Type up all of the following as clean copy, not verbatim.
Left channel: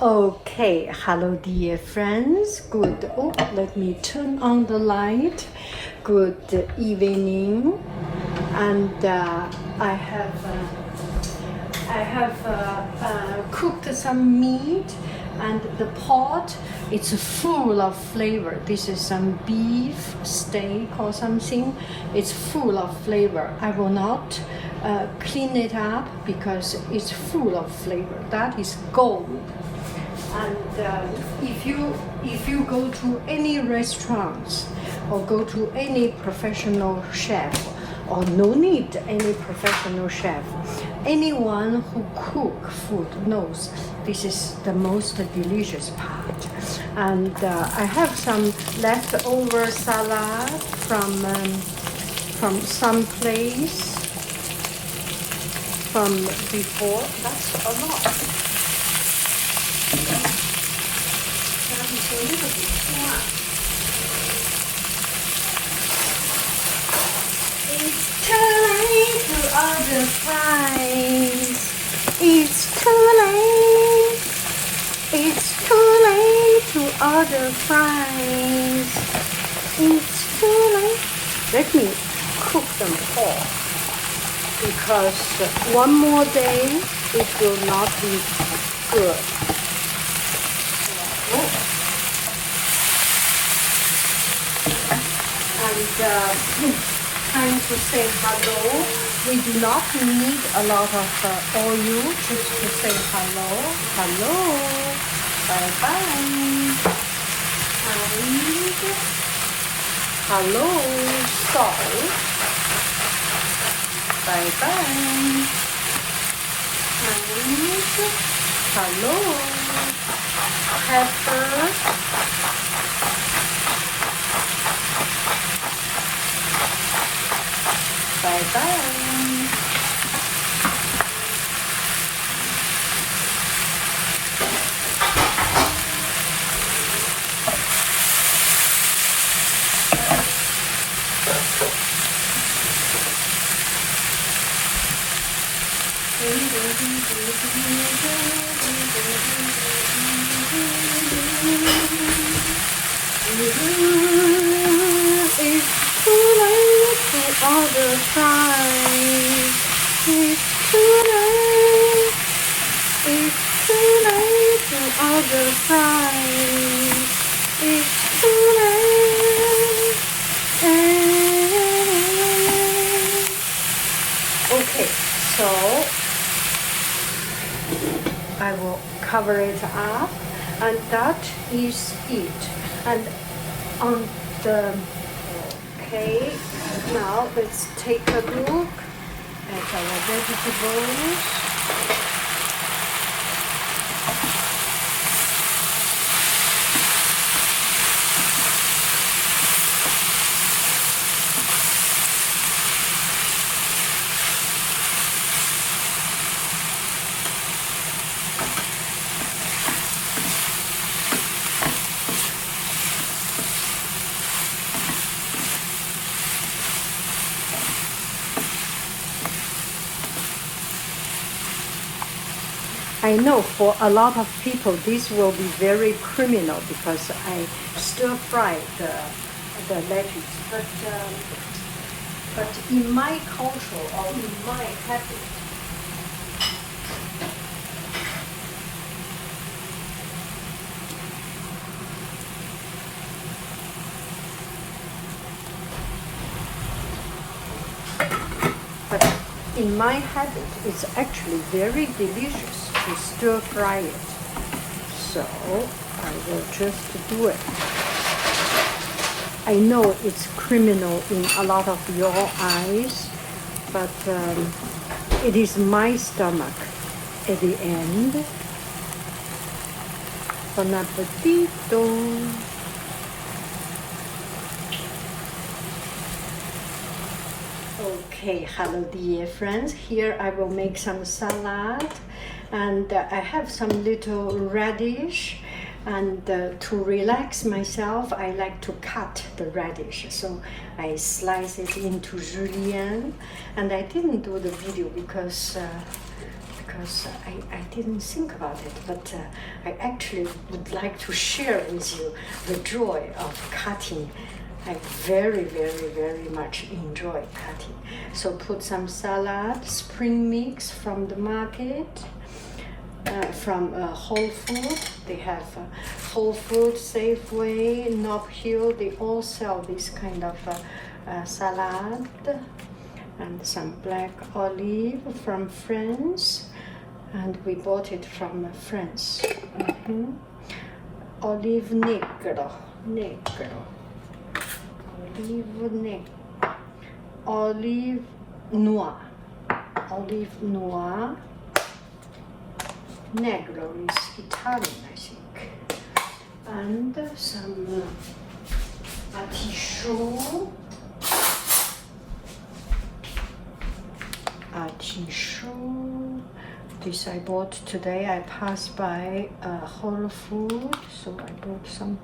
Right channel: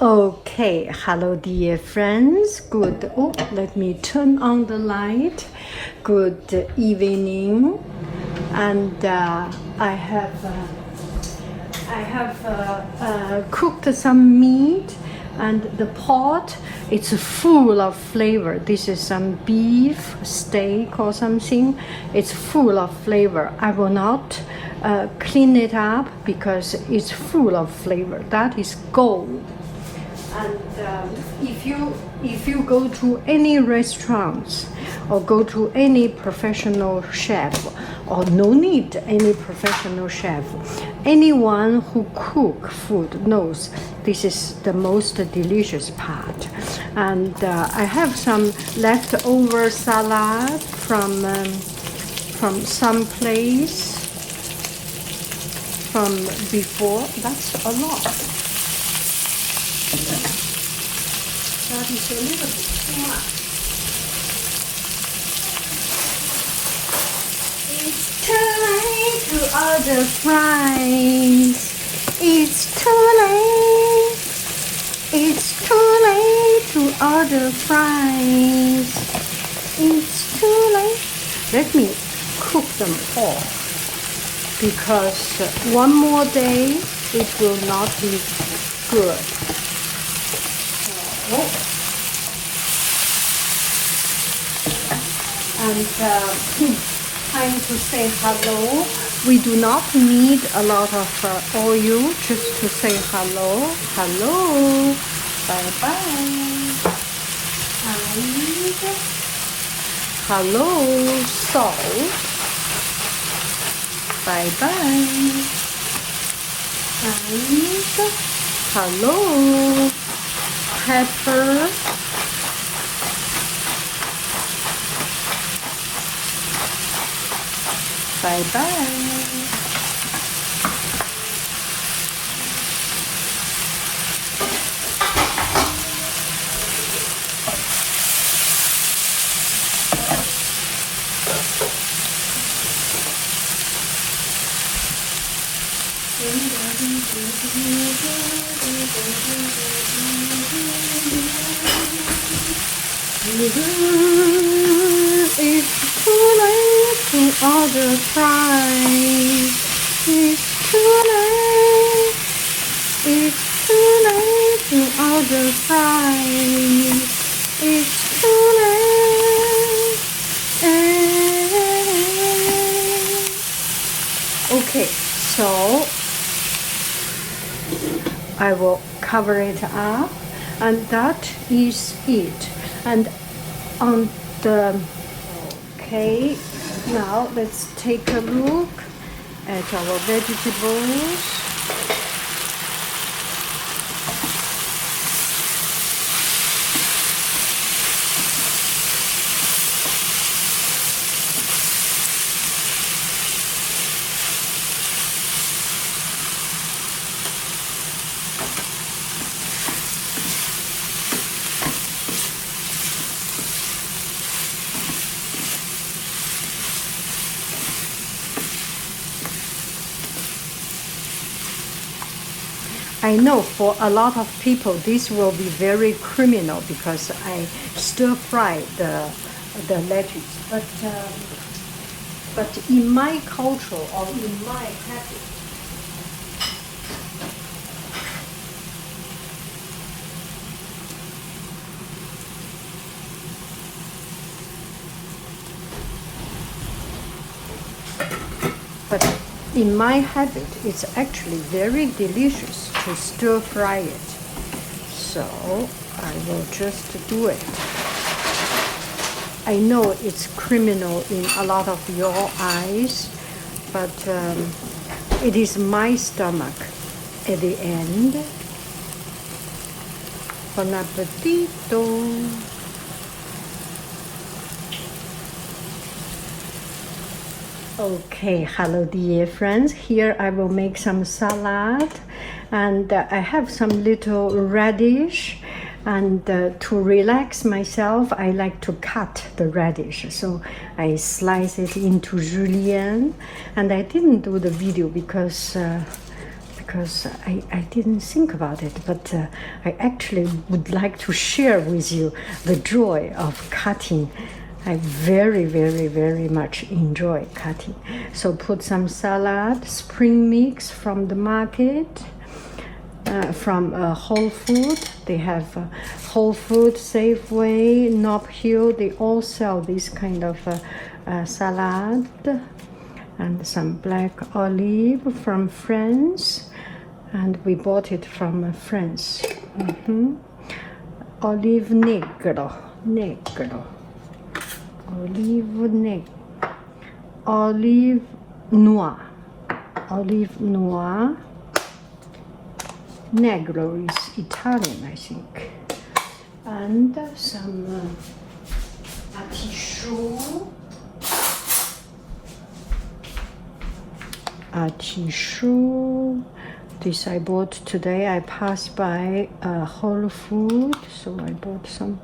Okay, hello dear friends. Good. Oh, let me turn on the light. Good evening. And I have cooked some meat, and the pot it's full of flavor. This is some beef steak or something. It's full of flavor. I will not clean it up because it's full of flavor. That is gold. And if you go to any restaurants or go to any professional chef, or no need any professional chef, anyone who cook food knows this is the most delicious part. And I have some leftover salad from some place from before. That's a lot. That is a little bit too much. It's time to order fries. It's too late. It's too late to order fries. It's too late. Let me cook them all because one more day it will not be good. And time to say hello. We do not need a lot of oil, just to say hello. Hello. Bye-bye. And hello. Salt. Bye-bye. And hello. Pepper. Okay, so I will cover it up, and that is it. And on the okay, now let's take a look at our vegetables. I know for a lot of people this will be very criminal because I stir fry the lettuce, but in my culture or in my habit, it's actually very delicious to stir fry it. So we'll just do it. I know it's criminal in a lot of your eyes, but it is my stomach at the end. Bon appetito. Okay, hello dear friends. Here I will make some salad, and I have some little radish, and to relax myself I like to cut the radish, so I slice it into julienne. And I didn't do the video because because I didn't think about it, but I actually would like to share with you the joy of cutting. I very, very, very much enjoy cutting. So put some salad, spring mix from the market, from Whole Food. They have Whole Food, Safeway, Nob Hill. They all sell this kind of salad. And some black olive from France. And we bought it from France. Olive negro. Olive noir. Negro is Italian, I think. And some artichaut. This I bought today. I passed by Whole Food, so I bought some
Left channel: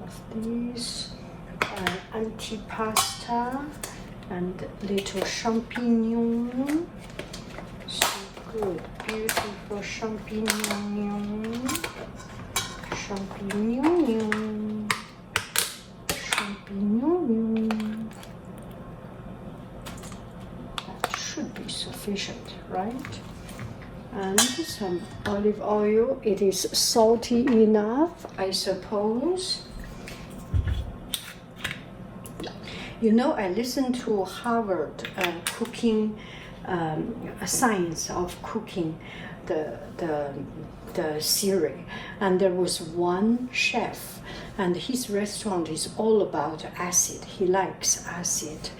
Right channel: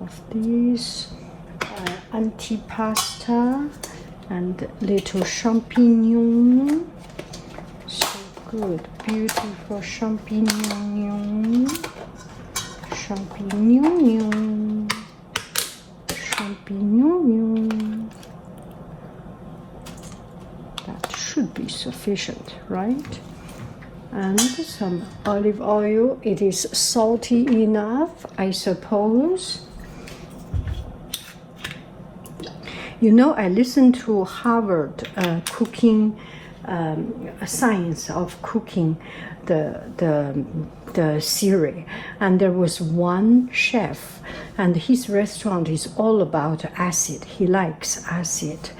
of these. Antipasta and little champignon. So good, beautiful champignon. That should be sufficient, right? And some olive oil. It is salty enough, I suppose. You know, I listened to Harvard cooking, science of cooking, the series, and there was one chef, and his restaurant is all about acid. He likes acid,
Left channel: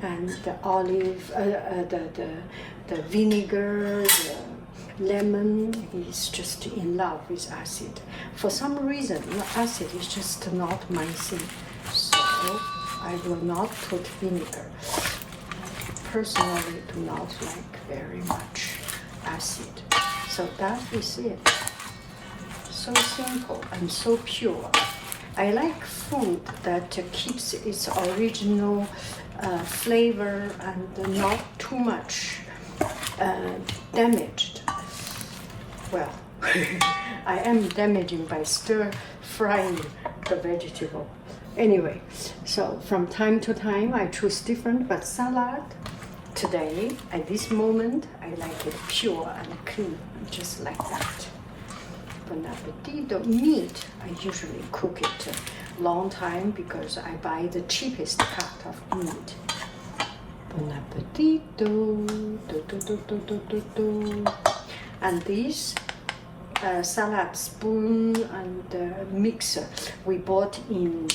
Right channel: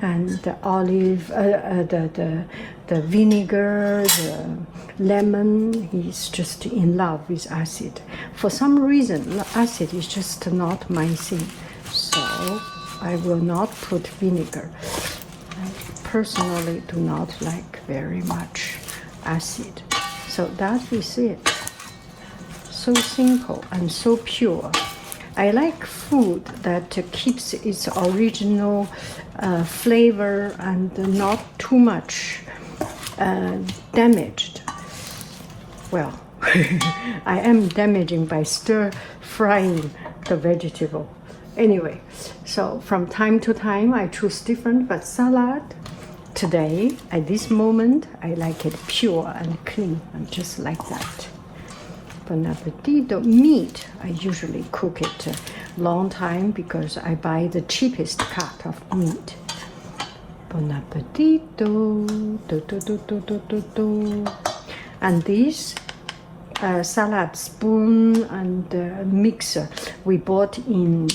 and the olive, the vinegar, the lemon. He's just in love with acid. For some reason, acid is just not my thing. So I will not put vinegar. I personally do not like very much acid. So that is it. So simple and so pure. I like food that keeps its original flavor and not too much damaged. Well, I am damaging by stir frying the vegetable. Anyway, so from time to time I choose different, but salad today, at this moment, I like it pure and clean, and just like that. Bon appetito. Meat, I usually cook it a long time because I buy the cheapest cut of meat. Bon appetito. And this salad spoon and mixer we bought in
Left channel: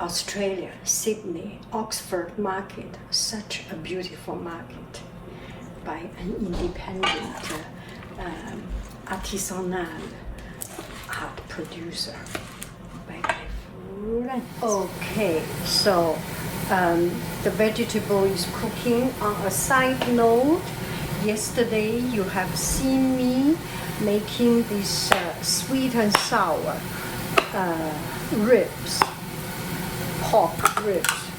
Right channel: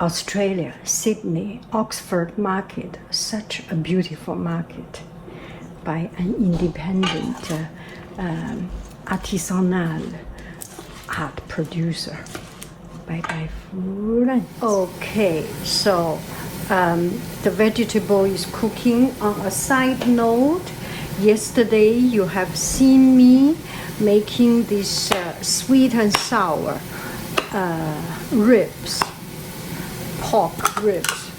Australia, Sydney, Oxford Market, such a beautiful market by an independent artisanal art producer. Bye. Okay, so the vegetable is cooking. On a side note, yesterday you have seen me making this sweet and sour ribs. Pork ribs,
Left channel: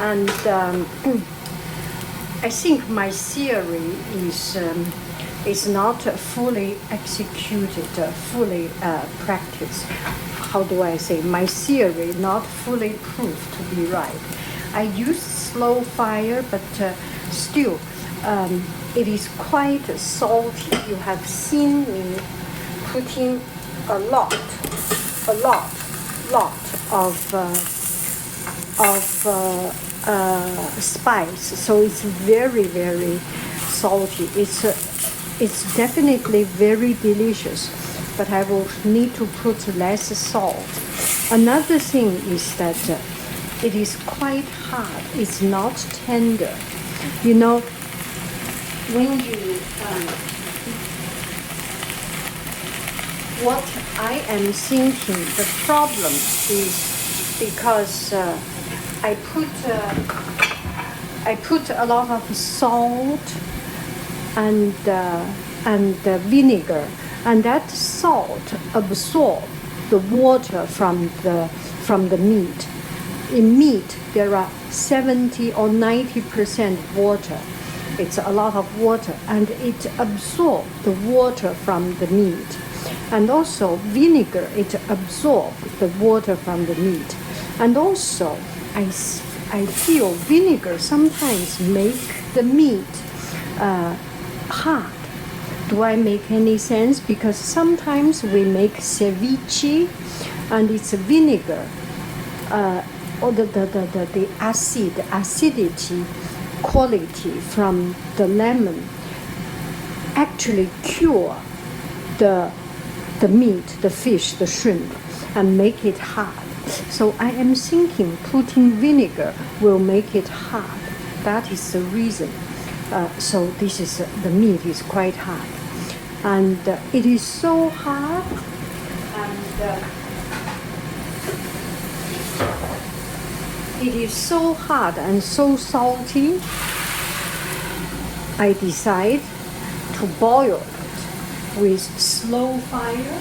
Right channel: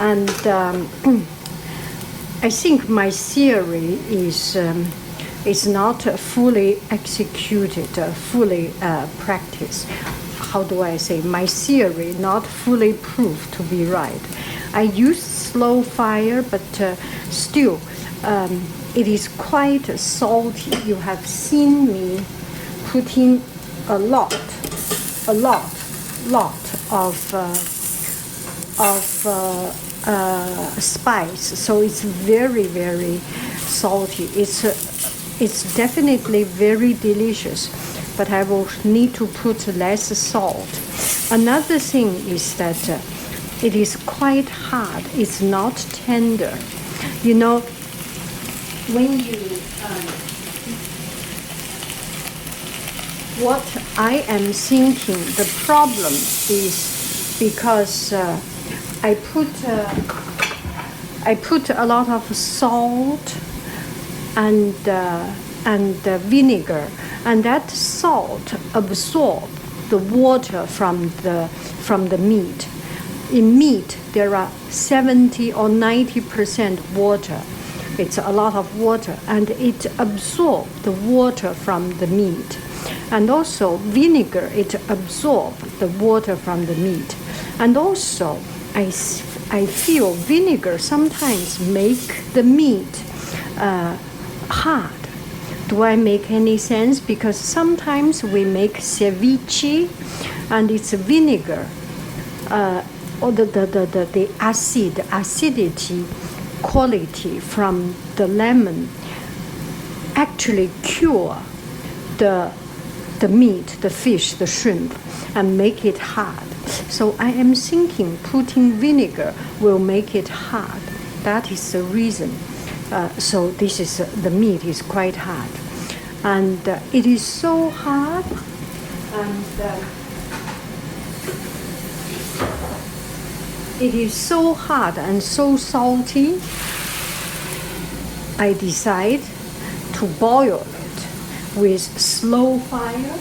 and I think my theory is not fully executed, fully practiced. How do I say? My theory not fully proved to be right. I used slow fire, but still, it is quite salty. You have seen me putting a lot of spice, so it's very, very salty. It's definitely very delicious, but I will need to put less salt. Another thing is that it is quite hard. It's not tender. You know, when you what I am thinking, the problem is because I put a lot of salt and vinegar, and that salt absorbs the water from the meat. In meat, there are 70 or 90% water, It's a lot of water, and it absorbs the water from the meat. And also vinegar, it absorbs the water from the meat. And also I feel vinegar sometimes make the meat hard. Do I make any sense? Because sometimes we make ceviche and it's vinegar, or the acidity quality from the lemon actually cure the meat, the fish, the shrimp, and make it hard. So I am thinking putting vinegar will make it hard. That is the reason. So this is the meat is quite hard, and it is so hard, and it is so hard and so salty. I decide to boil it with slow fire,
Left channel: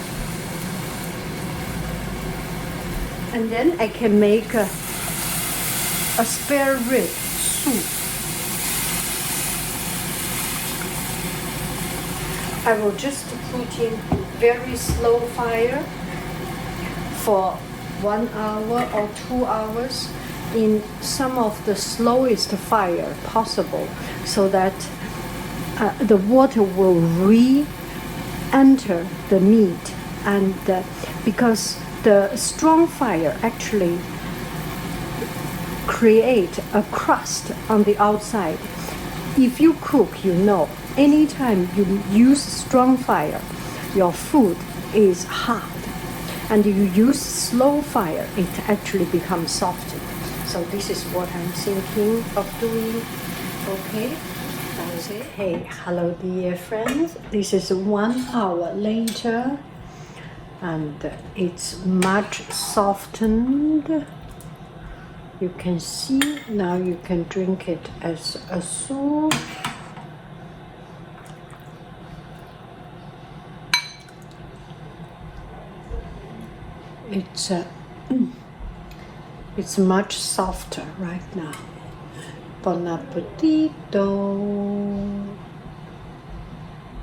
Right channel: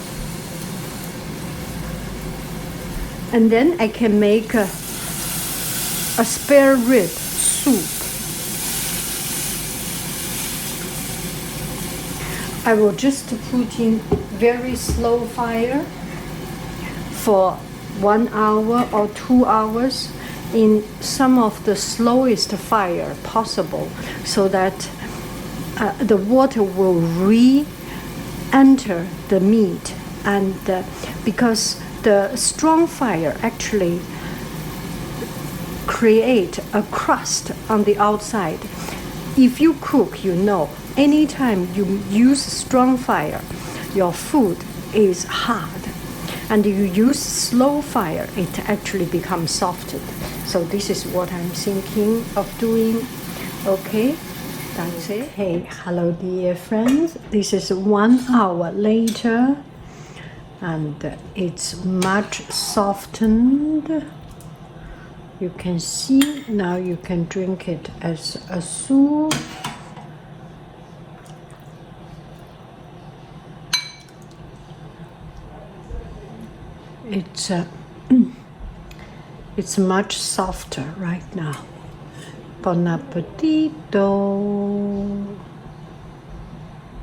and then I can make a spare rib soup. I will just put in very slow fire for 1 hour or 2 hours in some of the slowest fire possible, so that the water will re-enter the meat, and because the strong fire actually create a crust on the outside. If you cook, you know, anytime you use strong fire, your food is hard. And you use slow fire, it actually becomes softer. So this is what I'm thinking of doing. Okay, that's it. Hey, hello dear friends. This is 1 hour later, and it's much softened. You can see, now you can drink it as a soup. It's much softer right now. Buon appetito!